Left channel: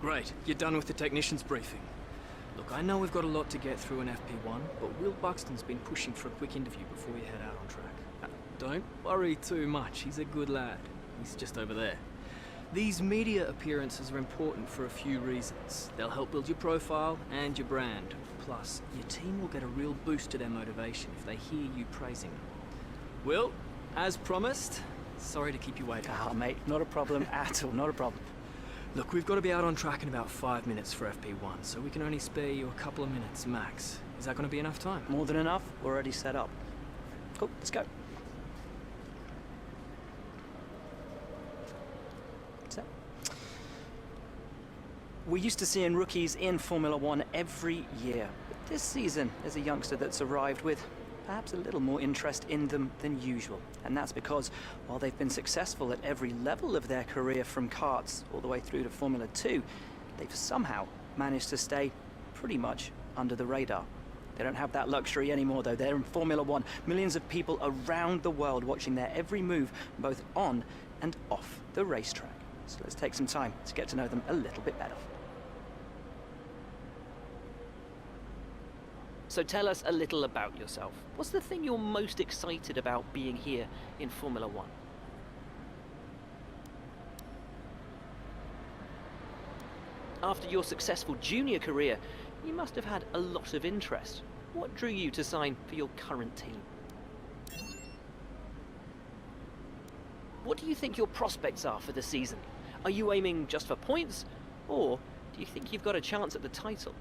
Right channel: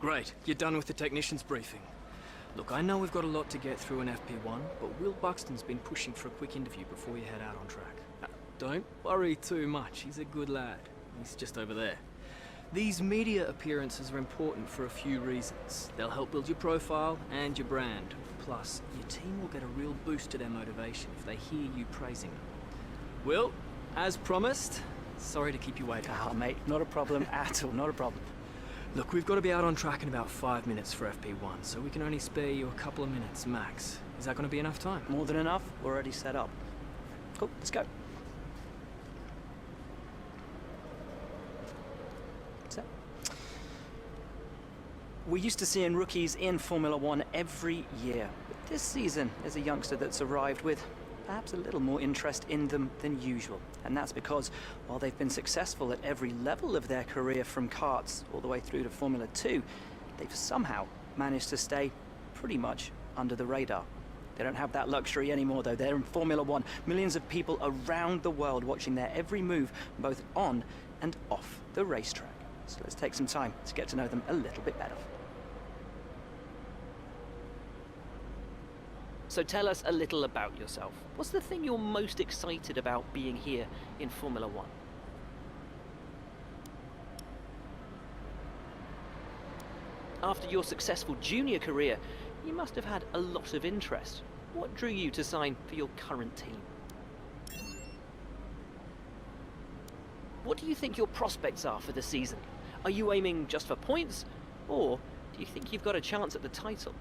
Great, you're done with the technician's briefing. Look, I know we've got a lot to get through in FP1, but Will Buxton's been pushing for a quick interview before you head out on track. Don't worry too much, he's a good lad. He's just over there. These media appearances are important for a few reasons. They'll help build your profile and your brand. Plus, your team will get a real boost to their motivation if they hear you praising them. Will, as promised, sorry to keep you waiting. Ah, mate, not a problem at all, not a problem. Look, we've got to be out on track in about 5 minutes for FP1, so we can only spare you a couple of minutes max. Is that going to be enough time? More than enough, we're already set up. Cool, let's go. So, we're used to seeing rookies in Formula One every year, but this season there's a youngster that's arrived with perhaps a little more interest in them than usual. And that's because while they've been successful at every level of their career from karts all the way through to Formula 2, they've somehow managed to stay pretty much under the radar. They don't have that luxury anymore though. They're in Formula 1. Millions of people around the world watching their every move, both on and off the racetrack. So let's take some time to get to know them a little bit better. So tell us a little about yourself. What's the thing you're most excited about being here in Formula One? After your successful junior career, you must have had a lot of interest. What drew you to sign for your current team? What do you think your prospects are for the season? Are you aiming just for points, or do you think you've got a chance at the title?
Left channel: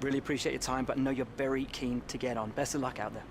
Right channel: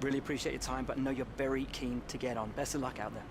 Really appreciate your time, but I know you're very keen to get on. Best of luck out there.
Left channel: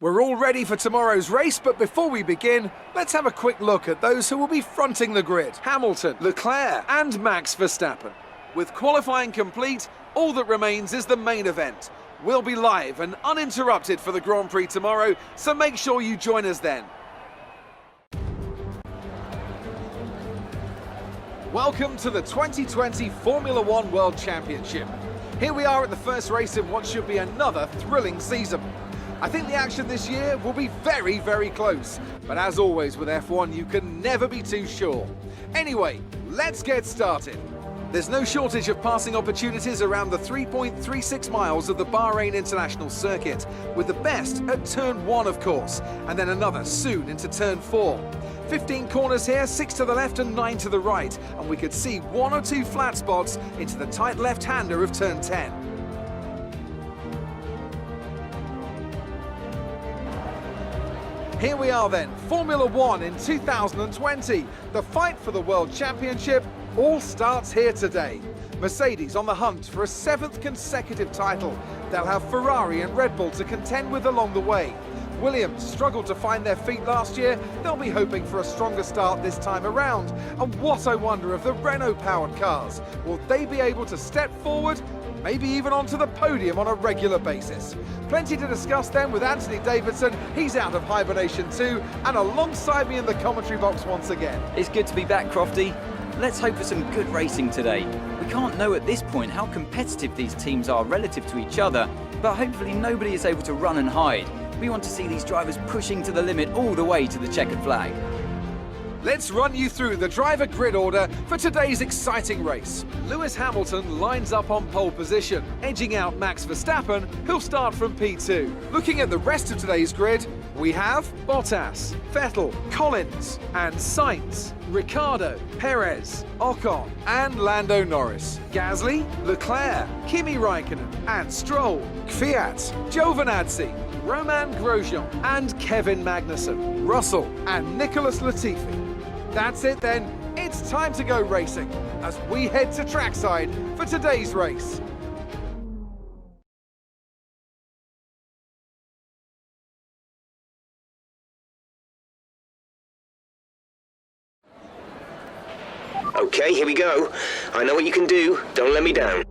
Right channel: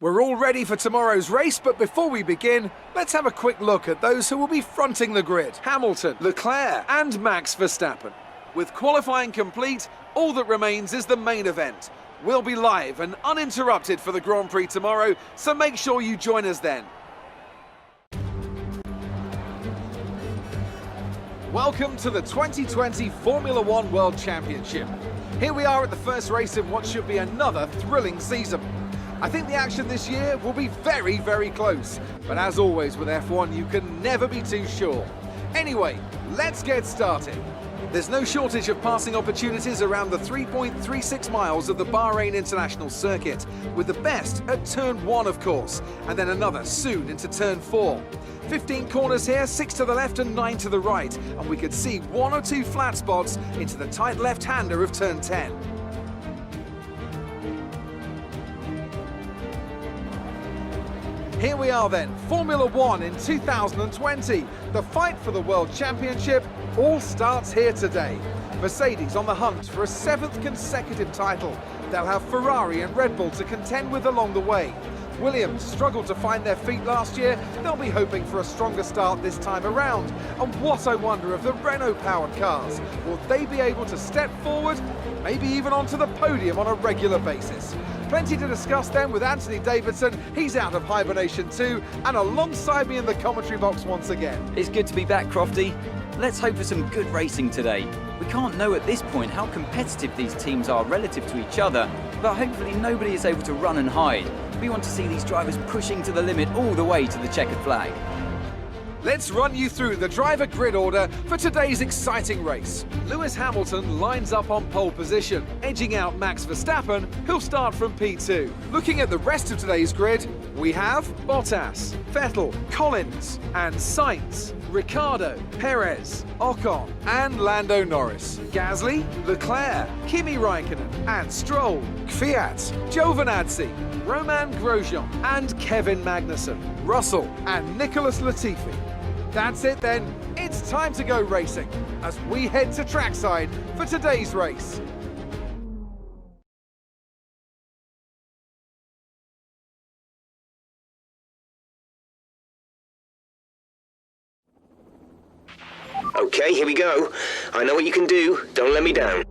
We're all ready for tomorrow's race, but before we begin, let's have a quick look at those who will be fronting the grid. Hamilton, Leclerc and Max Verstappen. With qualifying complete, all that remains is the main event. We'll be live and uninterrupted for the Grand Prix tomorrow, so make sure you join us then. Welcome to the 2020 Formula One World Championship. Here we are at the first race in what should be another thrilling season. I think the action this year will be very, very close. But as always with F1, you can never be too sure. Anyway, let's get started. There's no shortage of passing opportunities around the 3.36 miles of the Bahrain International Circuit, with the best at turn 1, of course, and then another soon into turn 4. 15 corners here, 6 to the left and 9 to the right, and we could see 1 or 2 flat spots into the tight left-hander of turn 10. Here we are then, Formula One in 2020. The fight for the World Championship all starts here today. Mercedes on the hunt for a 7th consecutive title. They'll have Ferrari and Red Bull to contend with along the way. Williams struggled to find their feet last year. They'll be hoping for a stronger start this time around. And what I wonder of the Renault-powered cars. Will they be able to step forward, maybe even onto the podium on a regular basis? Plenty to discuss then with Anthony Davidson. He's out of hibernation too, and alongside me in the commentary box once again. It's good to be back, Crofty. Let's hope for some good racing today. We can't know at this point how competitive these teams are relative to each other, but hopefully nobody is able to run and hide. We want to see these drivers pushing to the limit all the way to the checkered flag. Let's run you through the driver grid order for today's exciting race. Lewis Hamilton lines up on pole position, edging out Max Verstappen, who'll start from P2. Looking at the rest of today's grid, we have Bottas, Vettel, Collins, and Sainz, Ricciardo, Perez, Ocon, and Lando Norris, Gasly, Leclerc, Kimi Raikkonen, and Stroll, Kvyat, Giovinazzi, Roman Grosjean, and Kevin Magnussen, Russell, and Nicholas Latifi. That's it then, it's time to go racing as we head to trackside for today's race. Okay, here we go. I know what you can do. Don't let me down.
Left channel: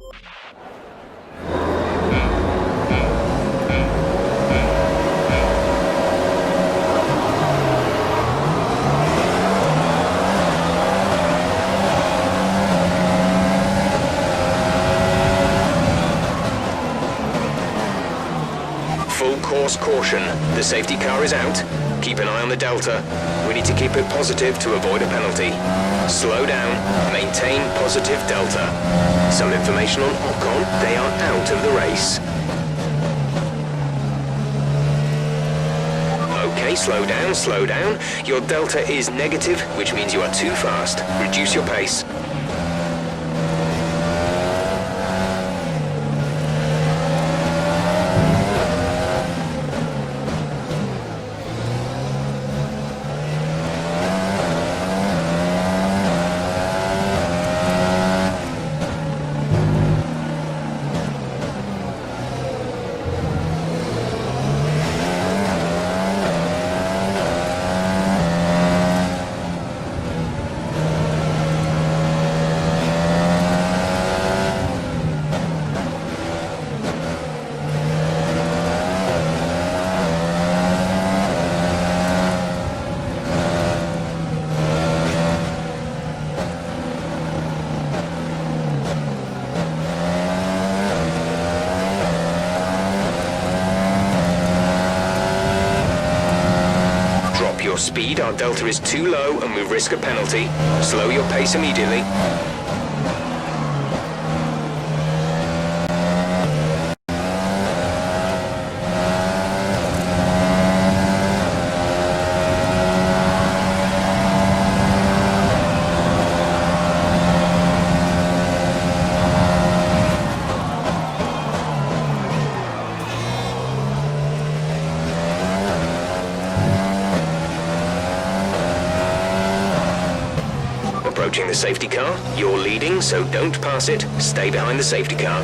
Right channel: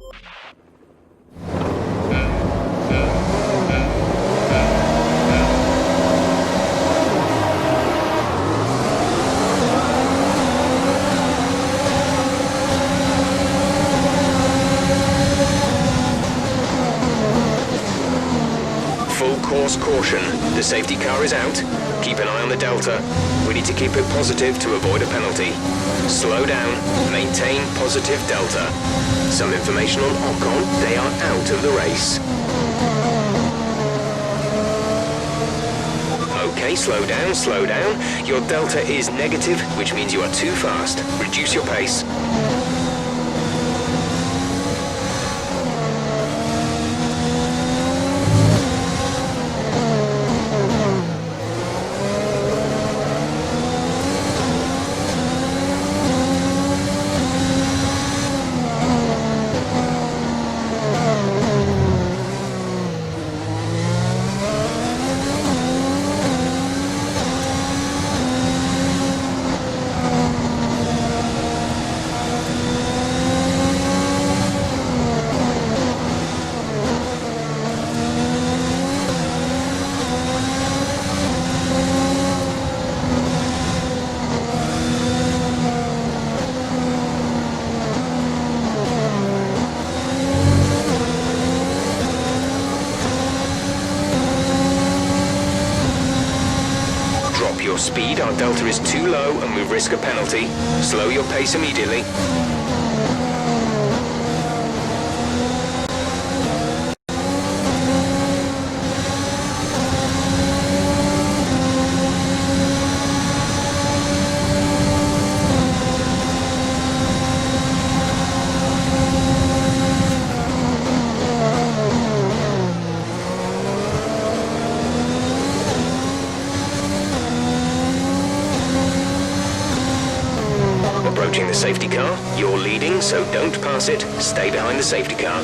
Full course caution. The safety car is out. Keep an eye on the delta. We need to keep it positive to avoid a penalty. Slow down. Maintain positive delta. Some information on Ocon. They are out of the race. Okay, slow down, slow down. Your delta is negative, which means you are too fast. Reduce your pace. Drop your speed, our delta is too low and we risk a penalty. Slow your pace immediately. Approaching the safety car. You're leading, so don't pass it. Stay behind the safety car.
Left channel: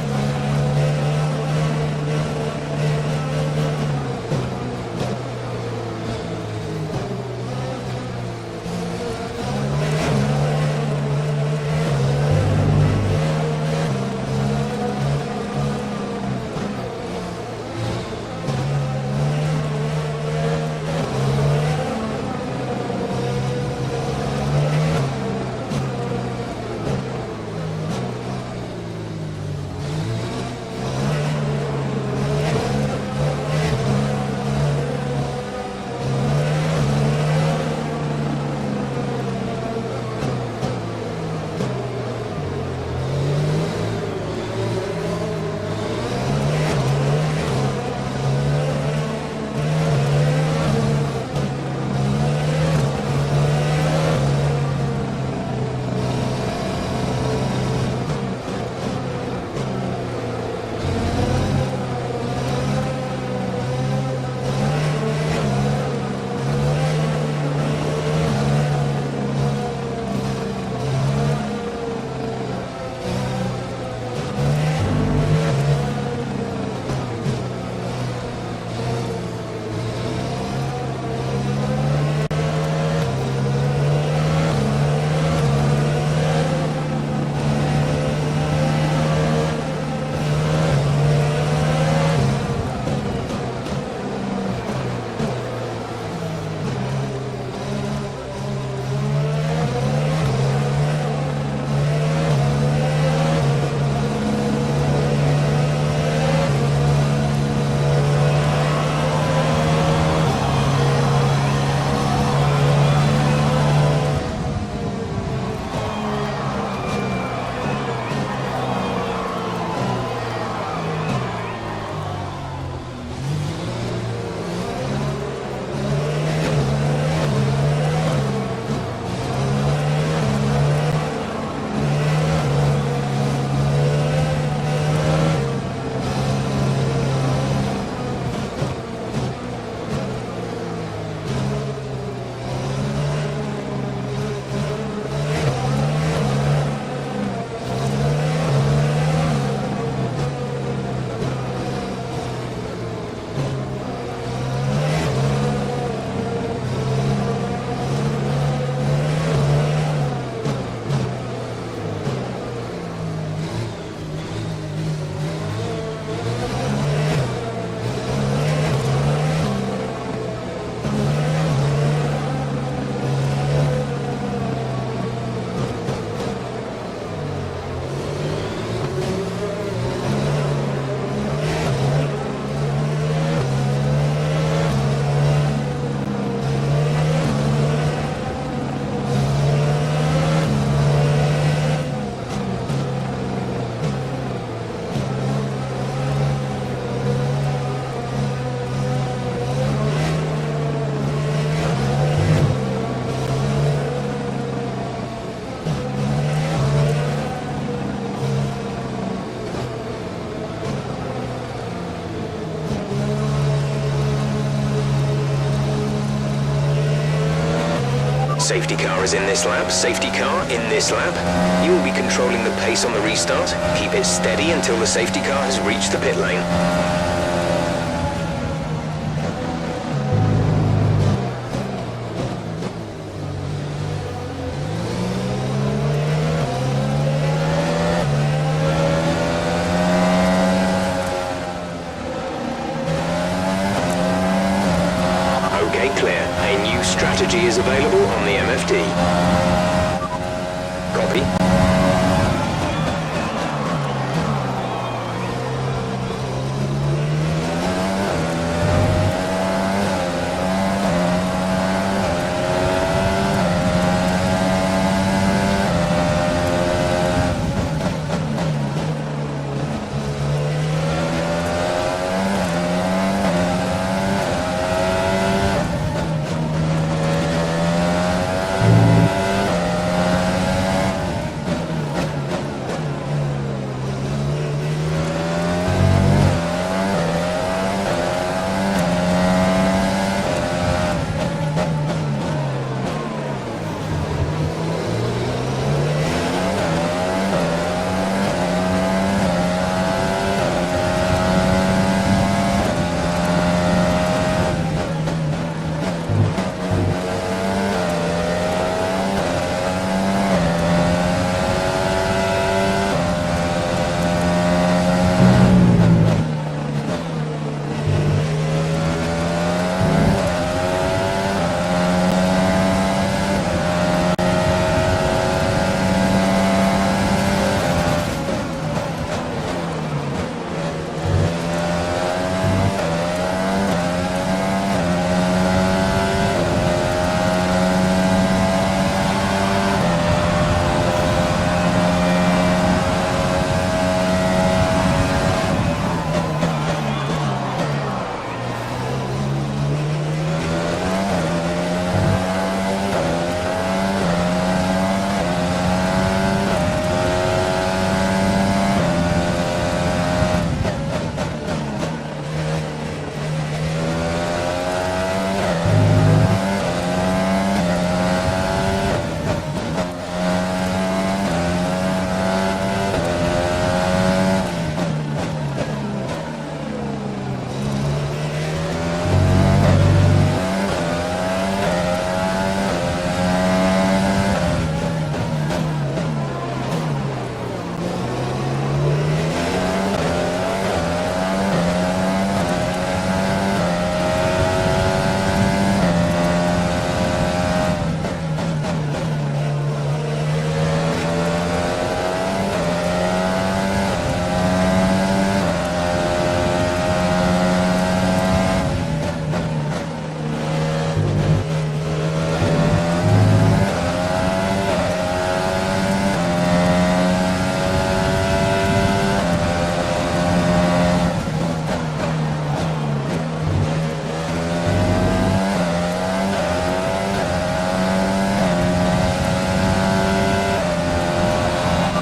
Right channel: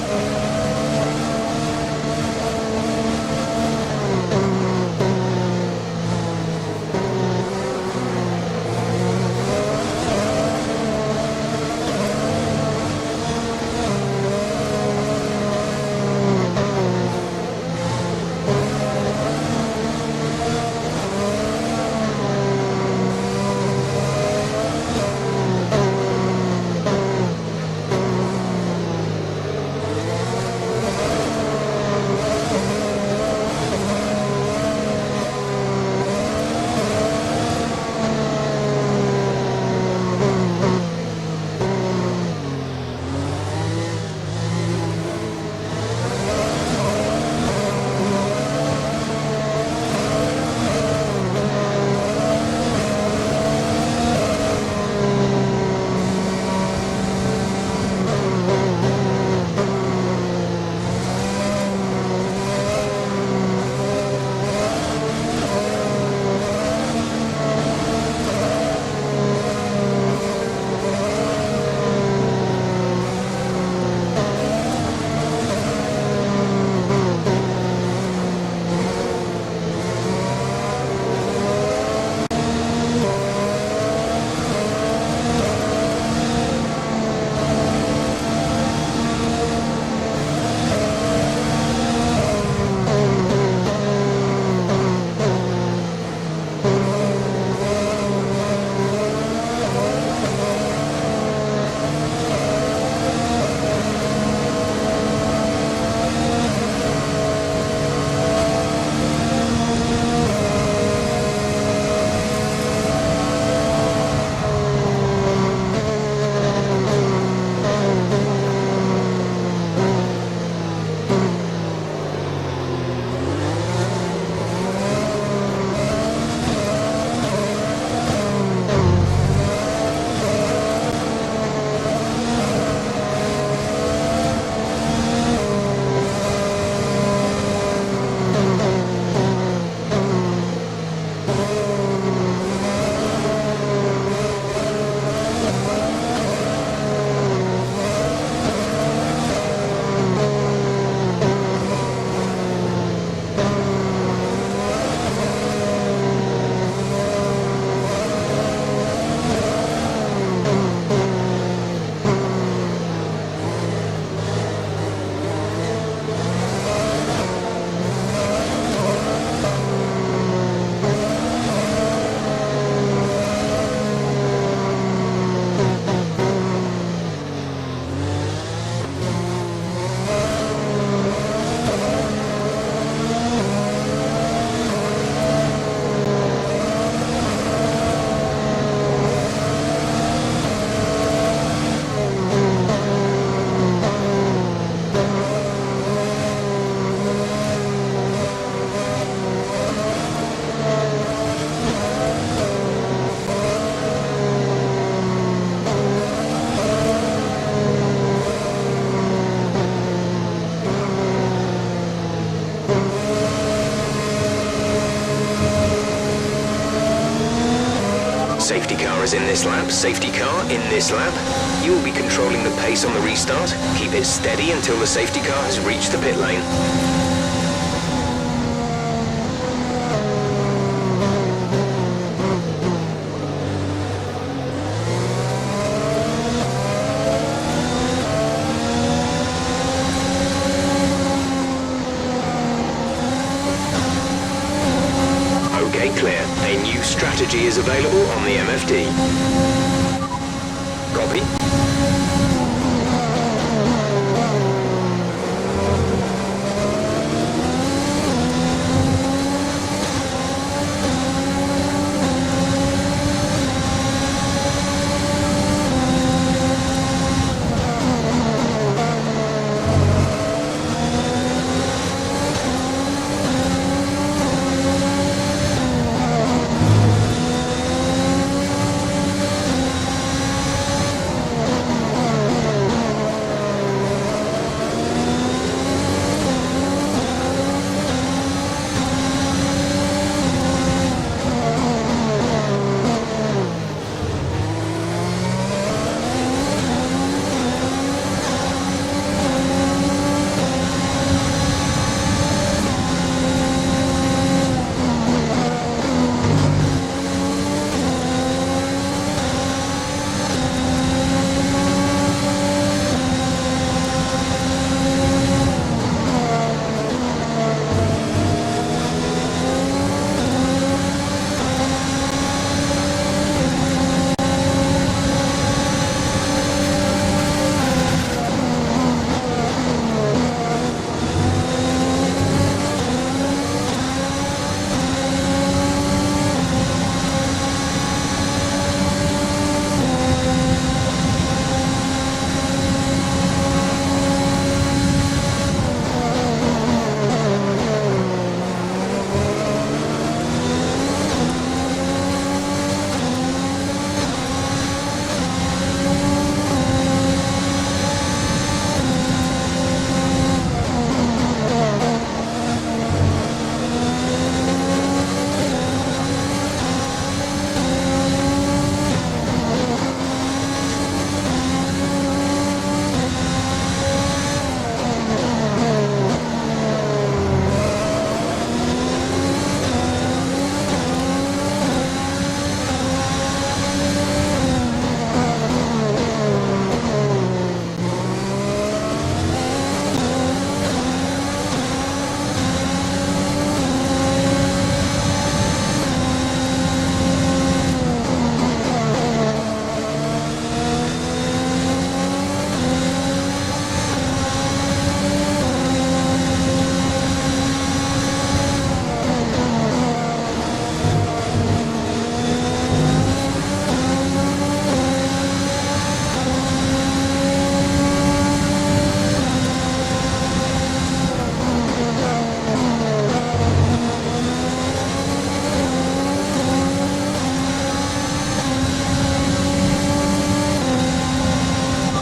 Safety car is in this lap, safety car in this lap. You will be controlling the pace on the restart. Keep it steady until the safety car has reached the pit lane. Okay, clear. A new strategy is available on the MFD. Copy.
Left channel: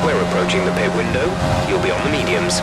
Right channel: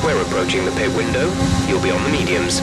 We're approaching the pit window. You'll be on the mediums.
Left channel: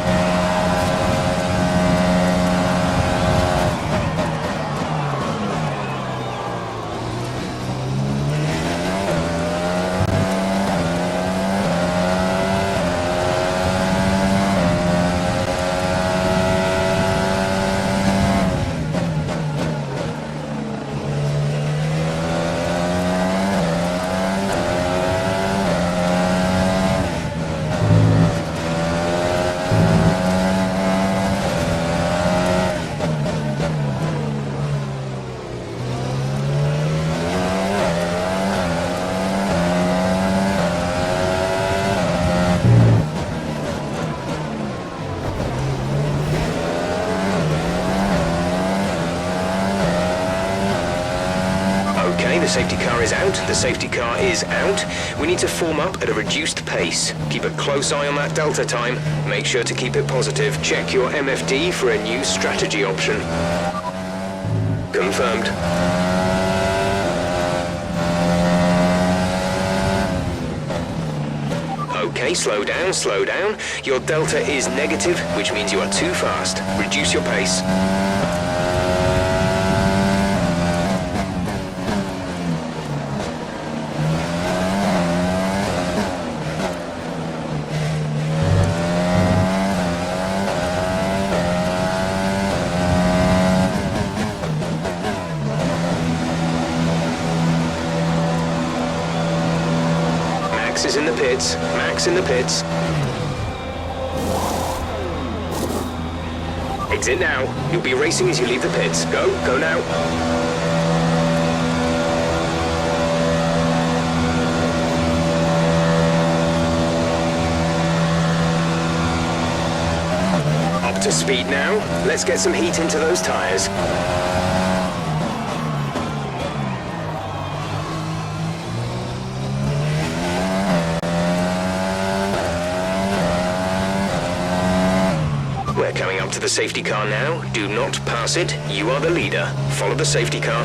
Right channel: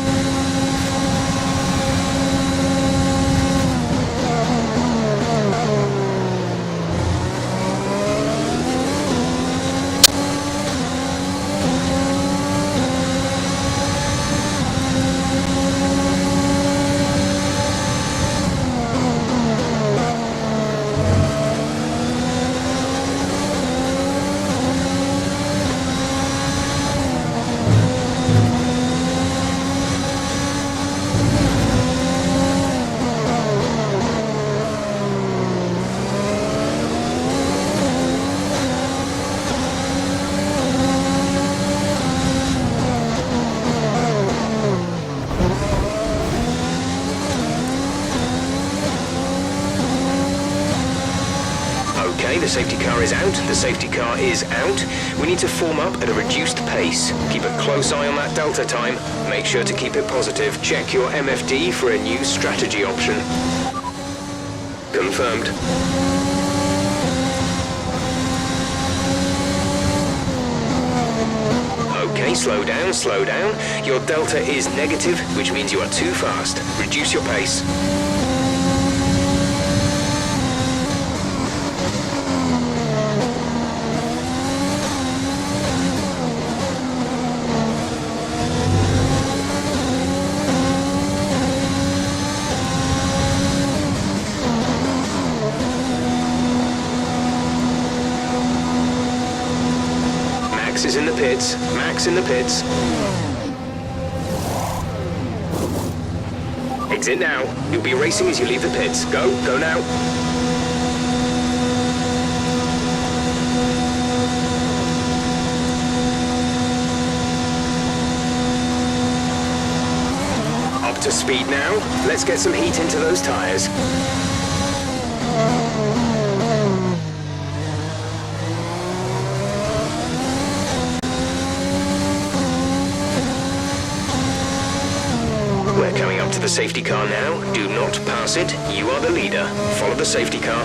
Okay, the safety car is out. The safety car is out. We need to form up at a reduced pace. Keep a close eye on that delta time. Make sure to keep it positive. Check your MFD for a new strategy option. Confirmed. Okay, slow down, slow down. Your delta is negative, which means you are too fast. Reduce your pace. pits. Max in the pits. Exit now. You'll be racing as you leave the pits. Go now. Up to speed now. Let's get some heat into those tyres. We're coming up to the safety car now. Do not pass it. You are the leader. Follow the safety car.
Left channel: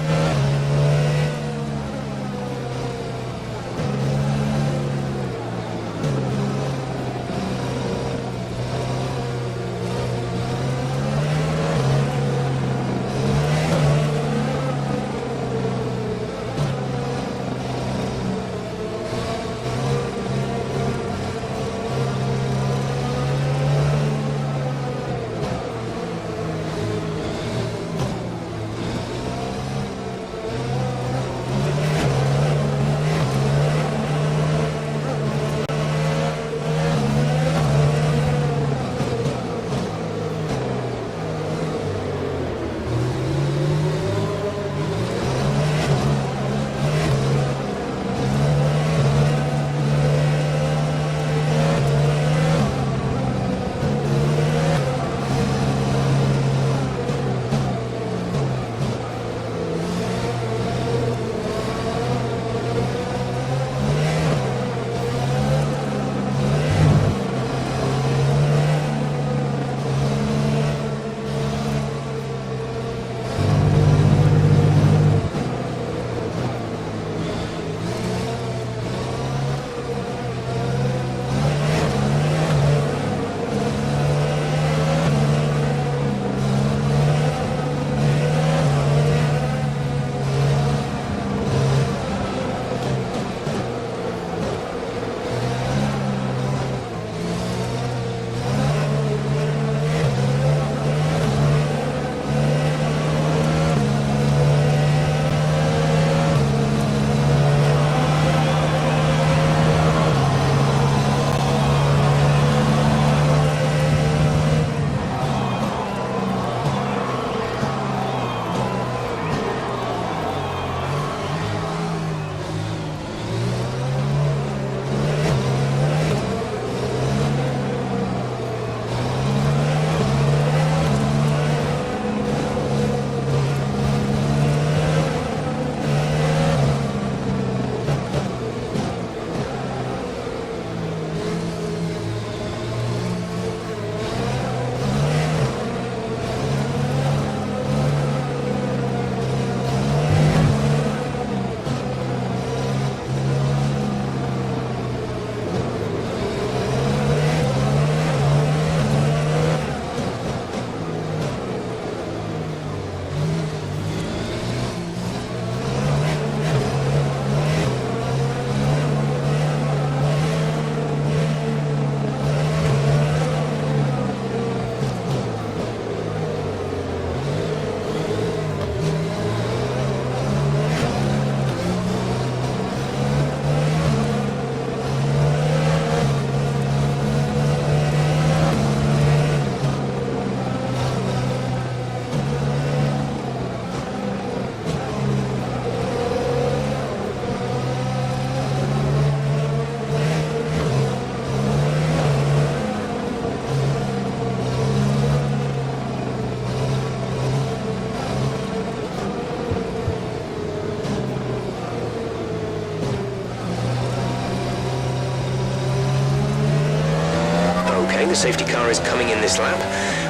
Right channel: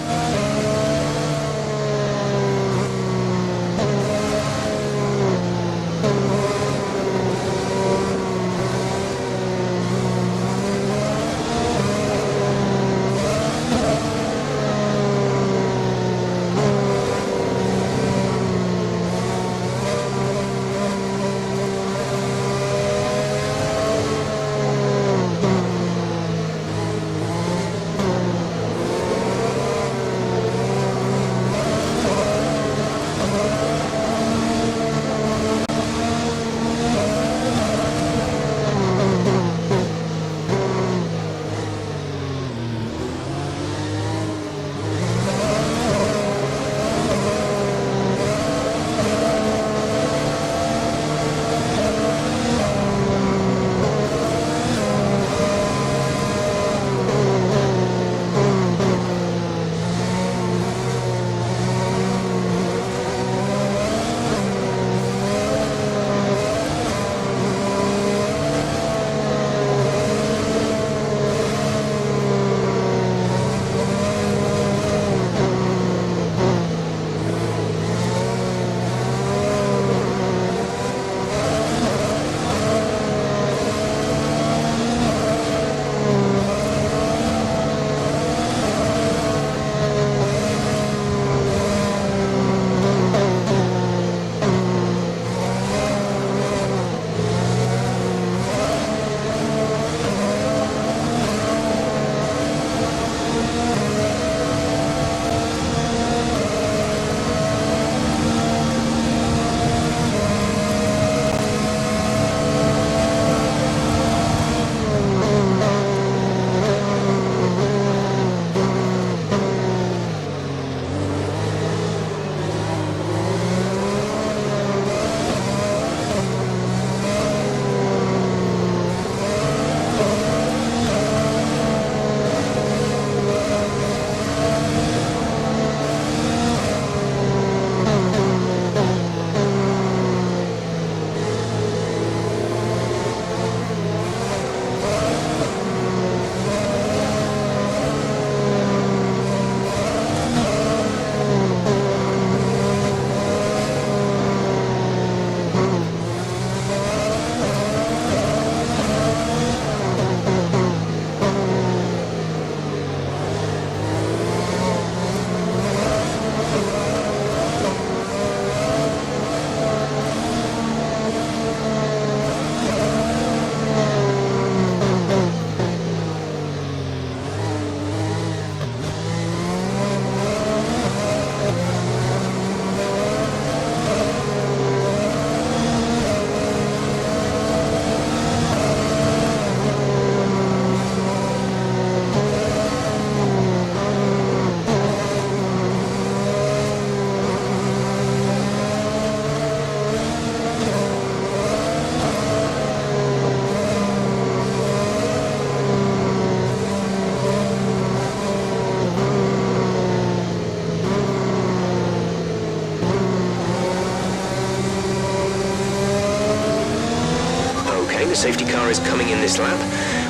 The safety car is coming in this lap.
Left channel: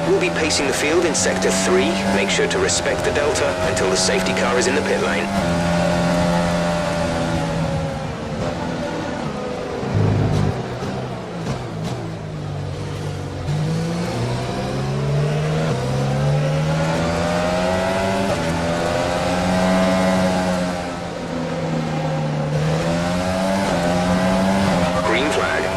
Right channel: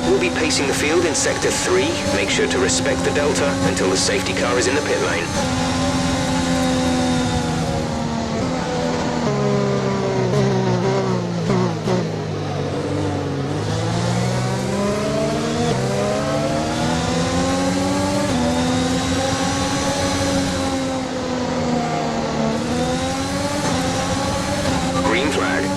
We'll be pacing the field in sector 3. Make sure to respect the delta until the safety car is in the pit lane. Green flag.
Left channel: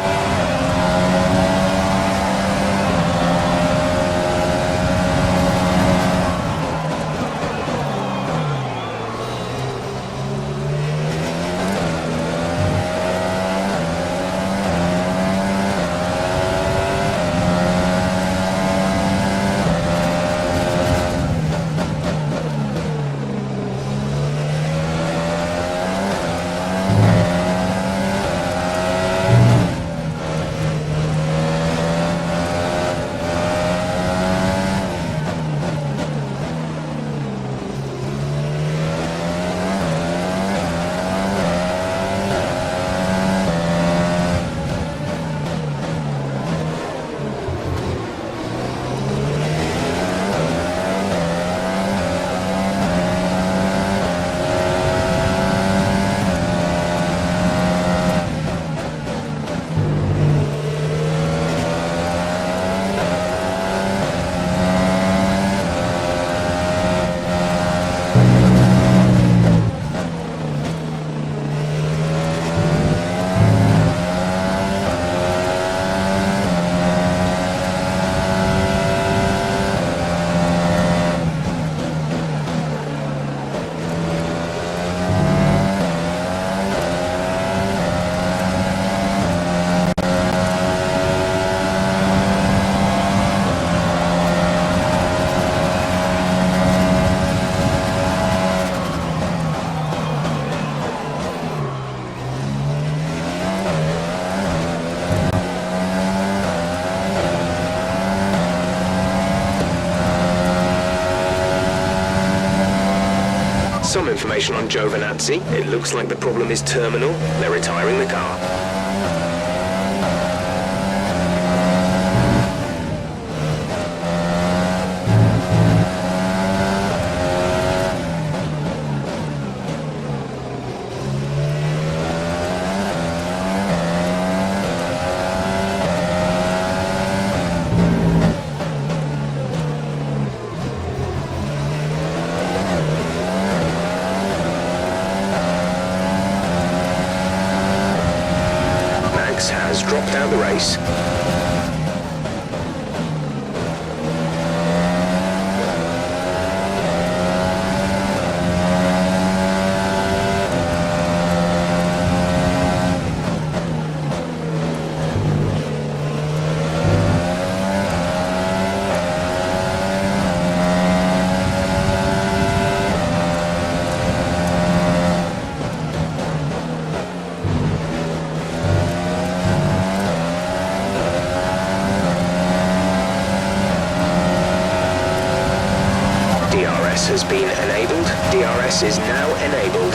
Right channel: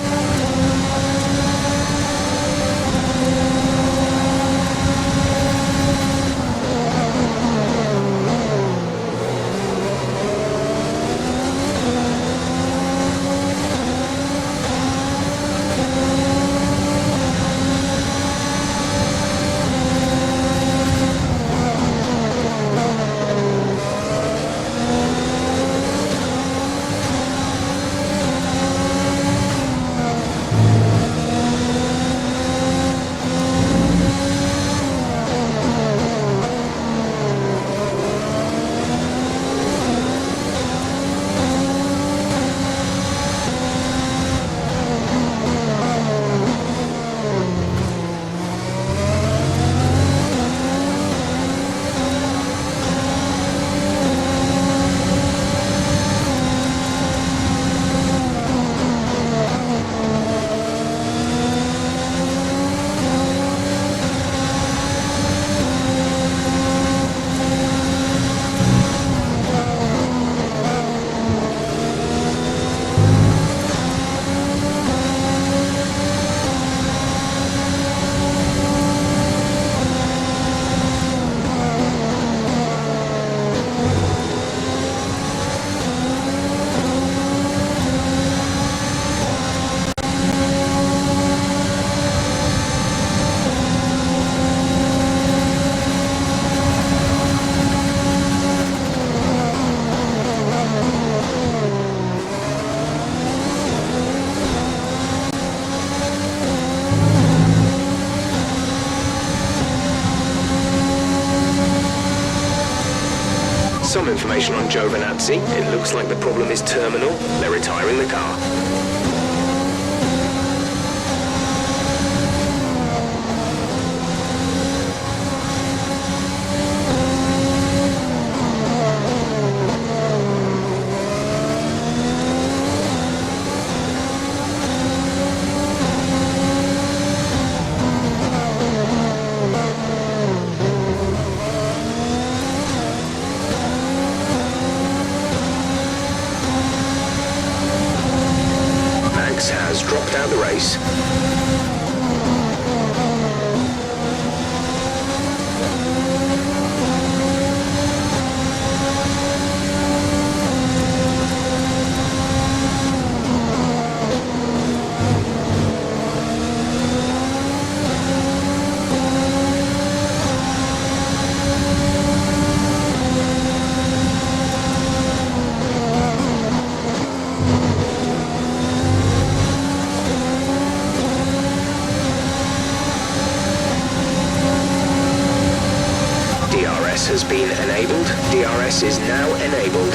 some information on Giovinazzi. It looks like the problem is terminal. They're retiring the car. Has dropped out the race. DRS has been enabled. DRS is now enabled.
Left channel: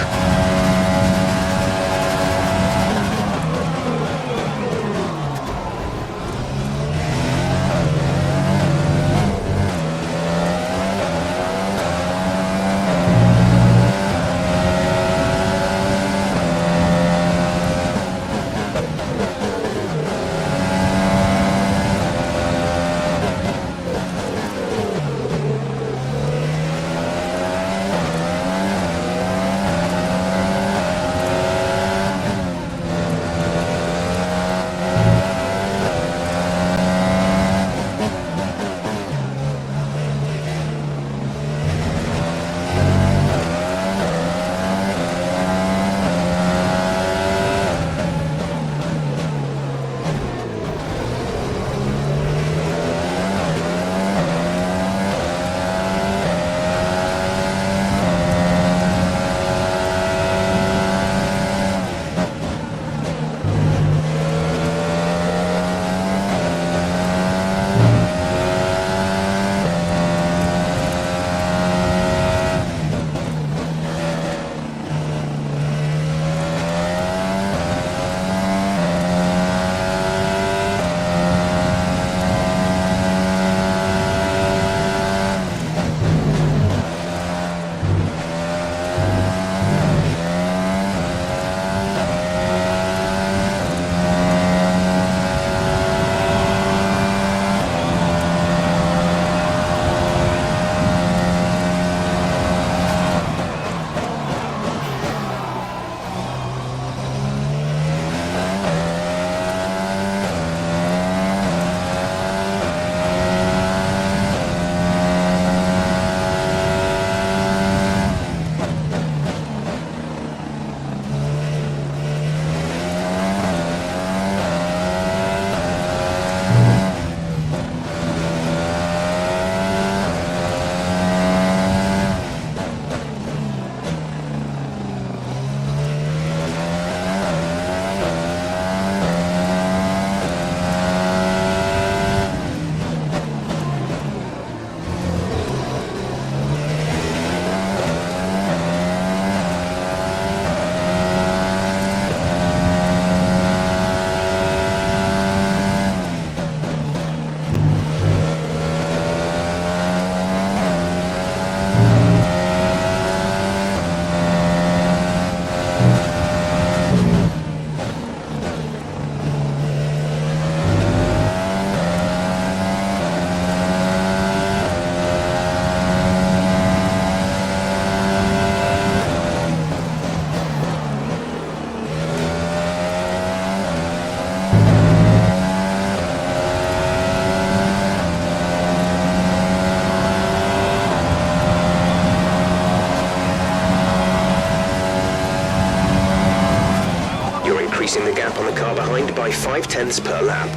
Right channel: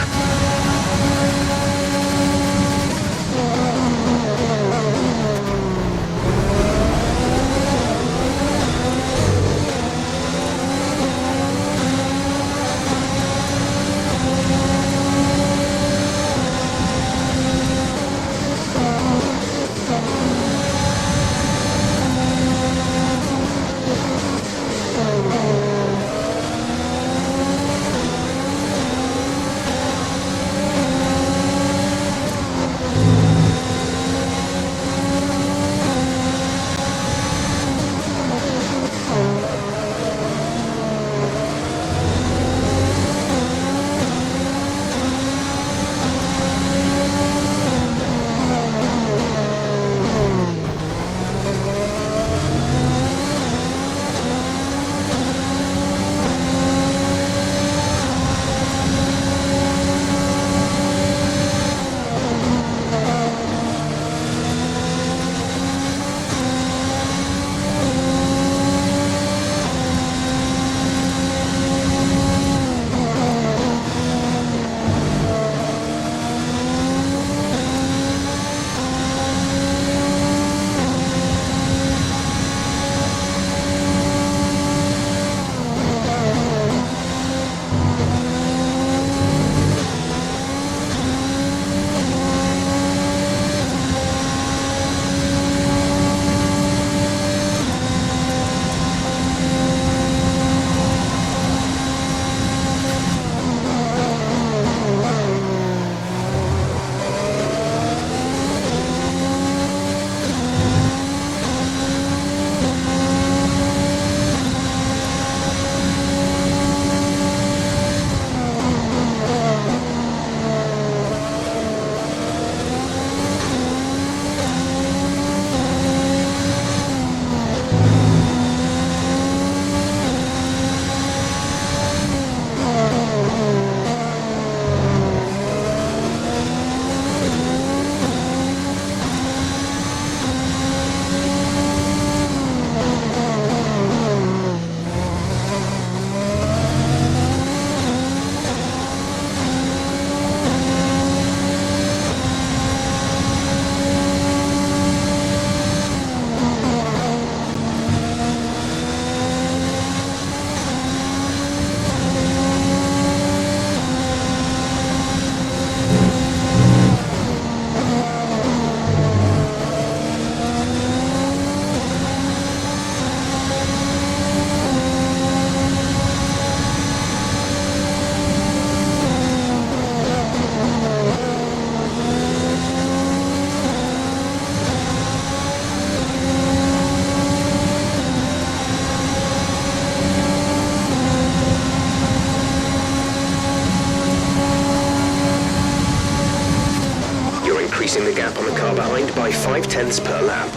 increasing the gap on the car behind by 0.5 per lap.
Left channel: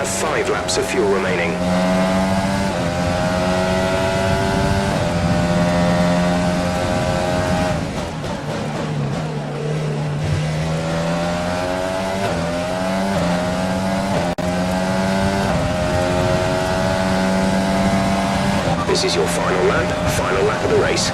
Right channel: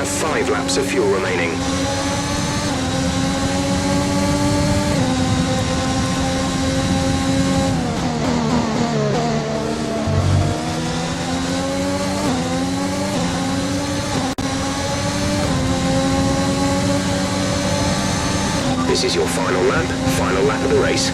have 5 laps of fuel remaining. This is your final lap of the race.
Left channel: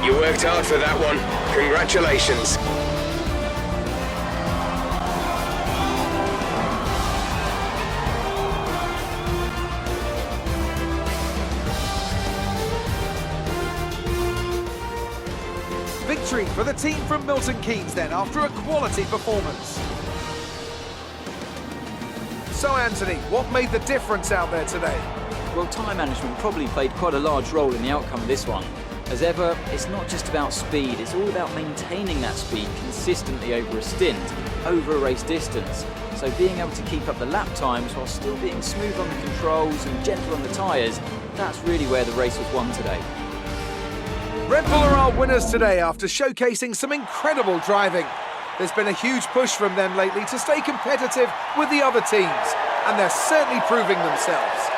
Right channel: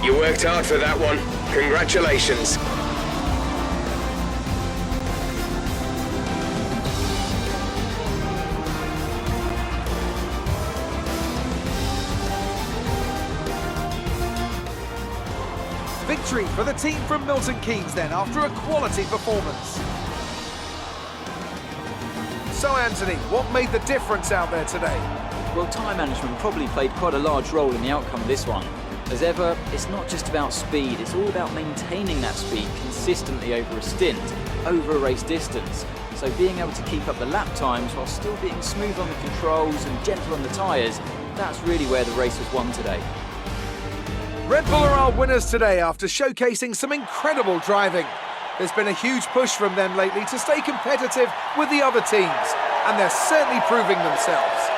You worked hard for that one. Congratulations. Victory for the team from Milton Keynes then, after a quality performance. So Anthony, what made the difference out there today? Well, time management probably played quite a large role in the outcome of this one. As ever, it's not just about speed, it's all about maintaining that speed consistently over a stint, over a race distance. So being able to keep up the lap times while still being smooth on the controls and gentle on the tyres, that's really where the race was won today. Red Bull are our winners today after showcasing some incredible driving. There's been a huge push from them lately to stay competitive with the other teams, and they're certainly proving themselves.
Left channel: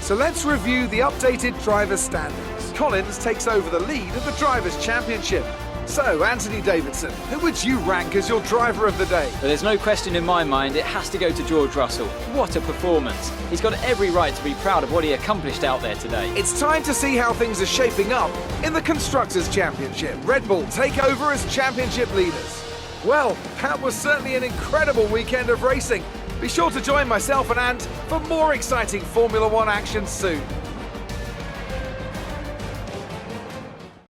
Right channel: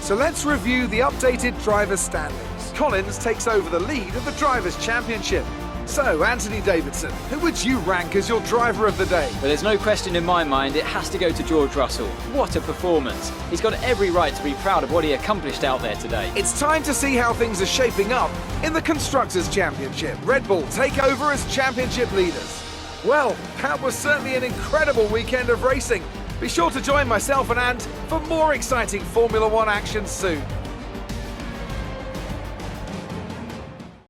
So let's review the updated drivers' standings. Collins takes over the lead of the Drivers' Championship. So, Anthony Davidson, who would you rank as your driver of the day? But there's no question in my mind it has to go to George Russell. What a performance. He's got every right to be proud of what he accomplished out there today. It's time to see how things are shaping up in the Constructors' Championship. Red Bull take over as championship leaders. Well, that was certainly an incredible weekend of racing. Be sure to join myself and Ant for more exciting Formula One action soon.